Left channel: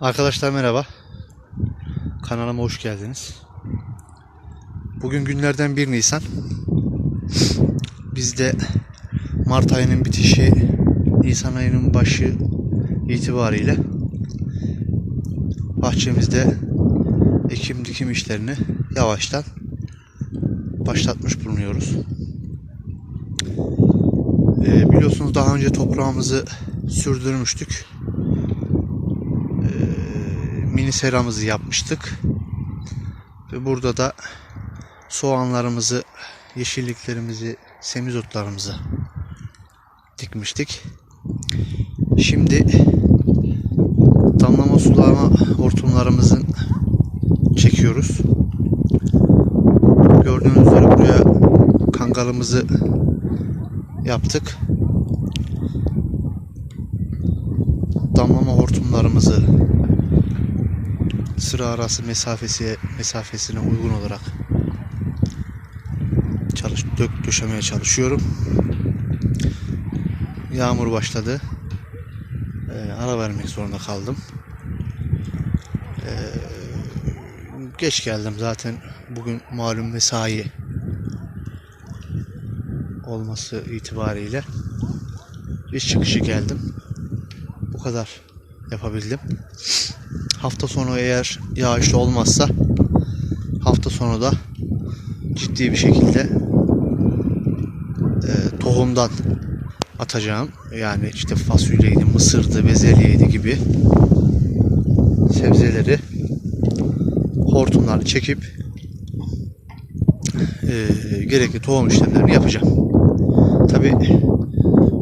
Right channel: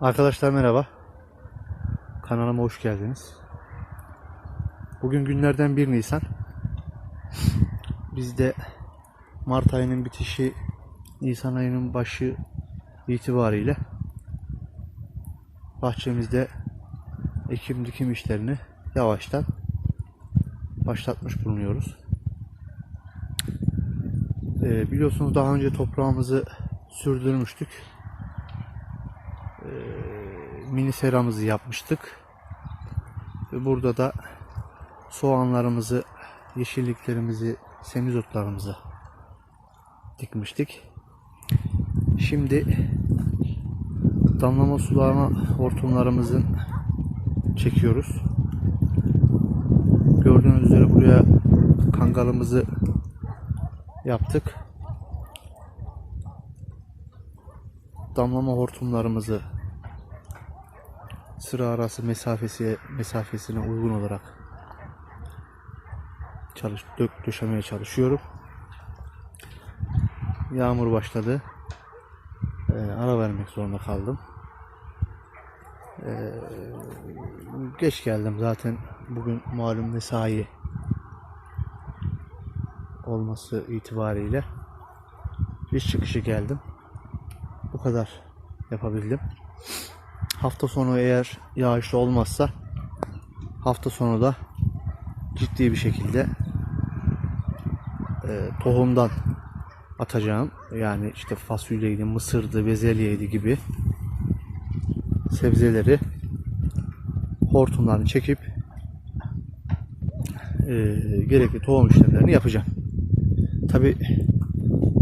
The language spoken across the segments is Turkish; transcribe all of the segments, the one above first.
Arkadaşlar merhaba. Kanalıma hoş geldiniz. Bugün günlerden 1 Nisan. Biz de Mart ayının bitişi, Nisan ayının başı itibariyle bahçemizde ekim dikim işlerini yavaştan başlatmış bulunuyoruz. Ee, biliyorsunuz daha önce toprağımızı sürdürmüştük mini seramızı yapmıştık. Ve burada da soğanlarımızı, yeşilliklerimizi, semizotlarımızı dikmiştik. Şimdi damlama sulama hortumlarımızın çekiyoruz. Gördüğünüz üzere buraya kangalımızı yaptık. Damlama hortumlarımızı sıra arası mesafesi mesafesine uygun olarak çalış dök döşemeye çalışıyorum. Yağmur başladı. Ee, ara vermek zorunda kaldım. Ee, geç geldim zaten bugün malum mesai olması itibariyle iş çıkışı geldim. Bu kadar yapabildim. Hafta sonu eğer yağışlı olmazsa hafta sonu da ciddi bir şekilde e, tohumdan atacağım. Yani işte fasulyeydi, mısırdı, bezelyeydi gibi sebzeleri hortumlarını çekip e, gerekli tohum işlemlerini yapacağım. Tabi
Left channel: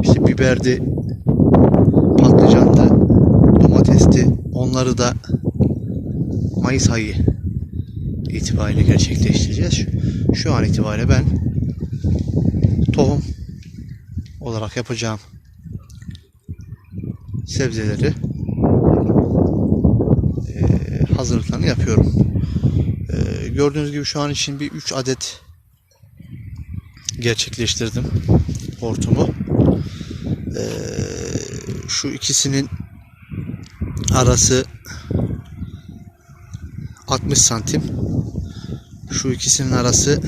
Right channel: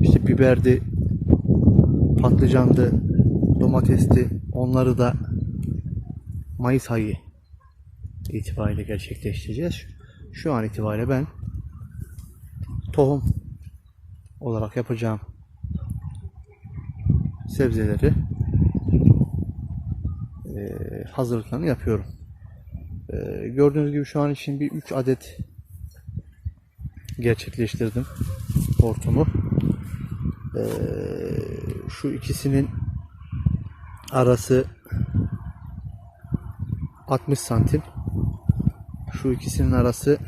işte biberdi, domatesti onları da Mayıs ayı itibariyle gerçekleştireceğiz. Şu, an itibariyle ben tohum olarak yapacağım sebzeleri eee, hazırlıklarını yapıyorum. Eee, gördüğünüz gibi şu an için bir 3 adet gerçekleştirdim hortumu. Eee, şu ikisinin arası 60 santim. Şu ikisinin arası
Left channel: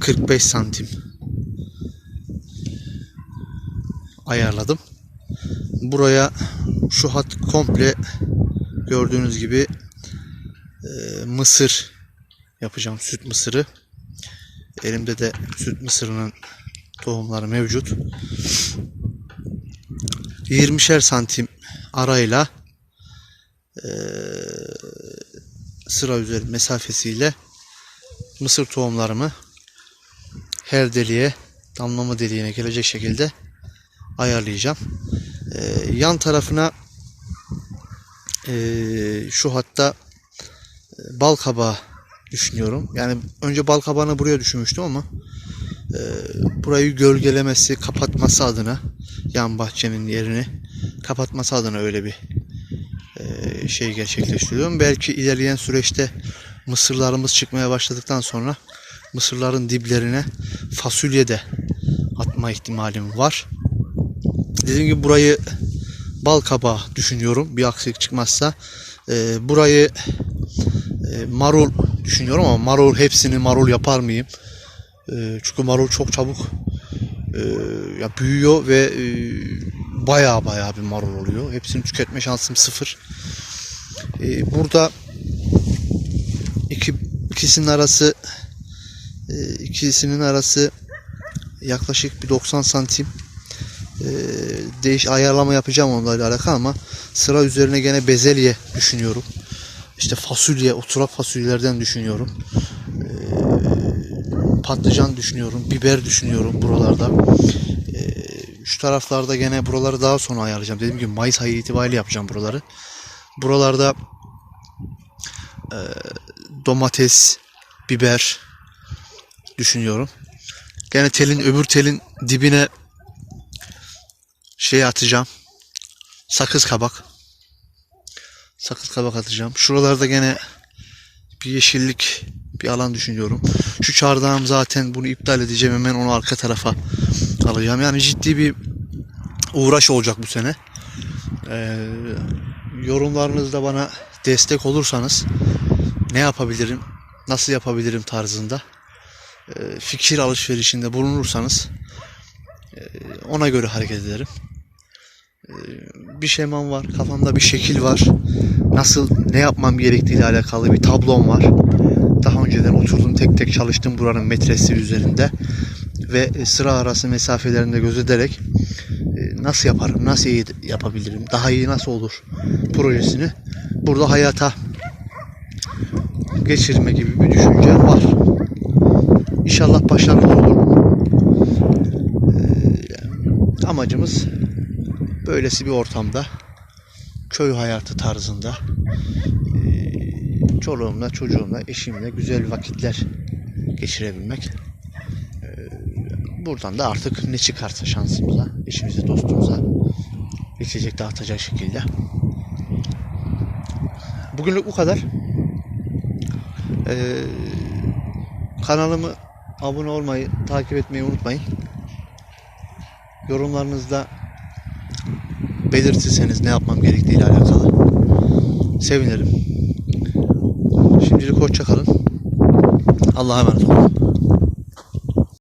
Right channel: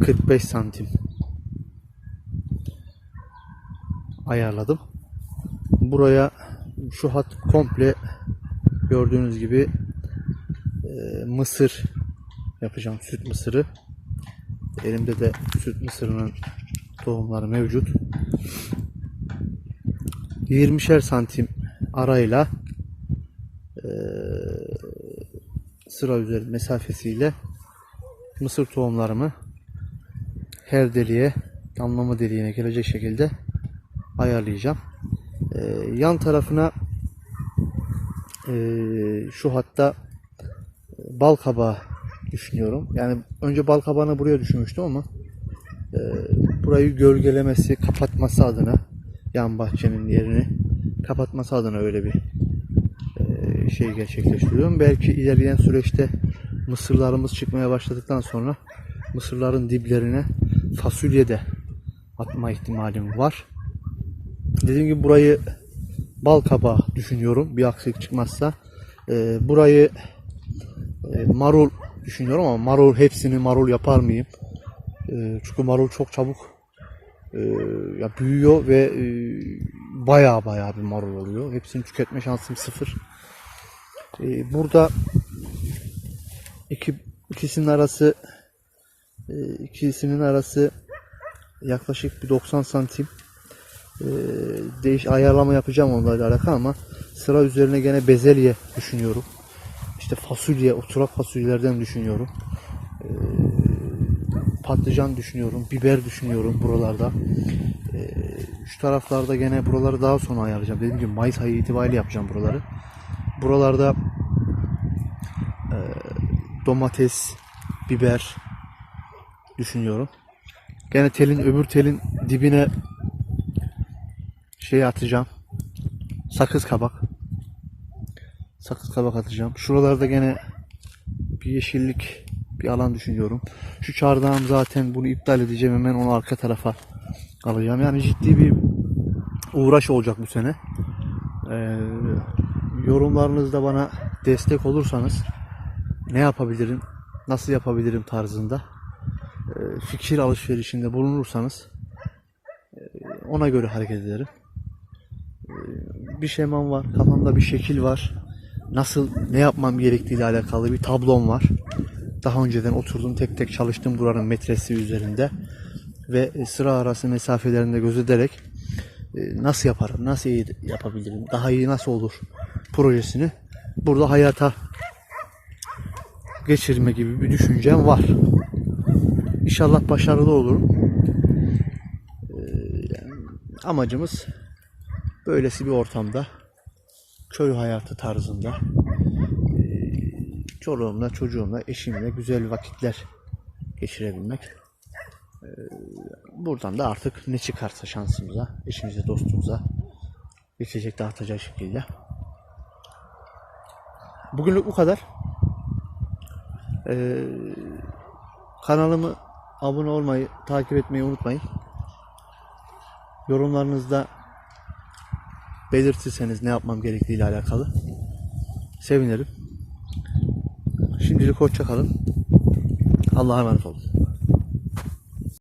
45 santim ayarladım. Buraya şu hat komple gördüğünüz gibi e, mısır yapacağım. Süt mısırı. Elimde de süt mısırının tohumları mevcut. 20'şer santim arayla eee, sıra üzeri mesafesiyle mısır tohumlarımı her deliğe damlama deliğine gelecek şekilde ayarlayacağım. Eee, yan tarafına eee, şu hatta e, bal kabağı düşünüyorum. Yani önce bal kabağını buraya düşünmüştüm ama burayı gölgelemesi, kapatması adına yan bahçemin yerini kapatması adına öyle bir eee, şey gerçekleştiriyorum. Belki ilerleyen süreçte mısırlarımız çıkmaya başladıktan sonra mısırların diplerine fasulye de atma ihtimalim var. Dediğim gibi burayı bal kabağı düşünüyorum. Bir aksilik çıkmazsa. Eee, burayı eee, marul düşünüyorum ama marul hepsini marul yapar mıyım? Çünkü marul çok çabuk eee, ya büyüyor ve eee, baya baya bir marul oluyor. Hepsini tüketme şansım sıfır. Eee, burada iki, ikisinin arası eee, ikisinin arası yaklaşık bir 90 santim Eee, değiş ayarlama yapacağım onlarla alakalı ama sıra üzerine gene bezelye düşünüyorum. İşte fasulye, oturak fasulyelerden düşünüyorum. Eee, patlıcan düşünüyorum, biber düşünüyorum buralarda. Eee, şu taraflarda gene buraları daha sonra ayarlayacağım. Dediğim gibi Mayıs ayı itibariyle yapacağım buraları. Buralarda eee, domates, biber düşünüyorum. Gene telin öbür telin dibine şey atacağım. Sakız kabak. Sakız kabak atacağım. Şuralarda gene bir yeşillik bir alan düşünüyorum. Şu çardağım zaten bunu iptal edeceğim hemen onu arka tarafa alacağım. Yani ciddi bir uğraş olacak bu sene. Ee, yorumlarınızda bana destek olursanız ne yapabilirim, nasıl yapabilirim tarzında e, fikir alışverişinde bulunursanız e, ona göre hareket ederim. E, bir şemam var, kafamda bir şekil var. Nasıl, ne yapmam gerektiği ile alakalı bir tablom var. Daha önceden oturdum tek tek çalıştım buranın metresi üzerinde ve e, sıra arası mesafelerinde gözederek e, nasıl yaparım, nasıl iyi yapabilirim, daha iyi nasıl olur projesini burada hayata geçirme gibi bir düşüncem var. İnşallah başarılı olur. Ee, amacımız böylesi bir ortamda köy hayatı tarzında çoluğumla, çocuğumla, eşimle güzel vakitler geçirebilmek. Ee, buradan da artık ne çıkarsa şansımıza, eşimize, dostumuza geçecek dağıtacak şekilde. Bugünlük bu kadar. Ee, kanalımı abone olmayı, takip etmeyi unutmayın. Yorumlarınızda belirtirseniz ne yapmam gerektiği ile alakalı sevinirim. Şimdilik hoşça kalın. Allah'a emanet olun.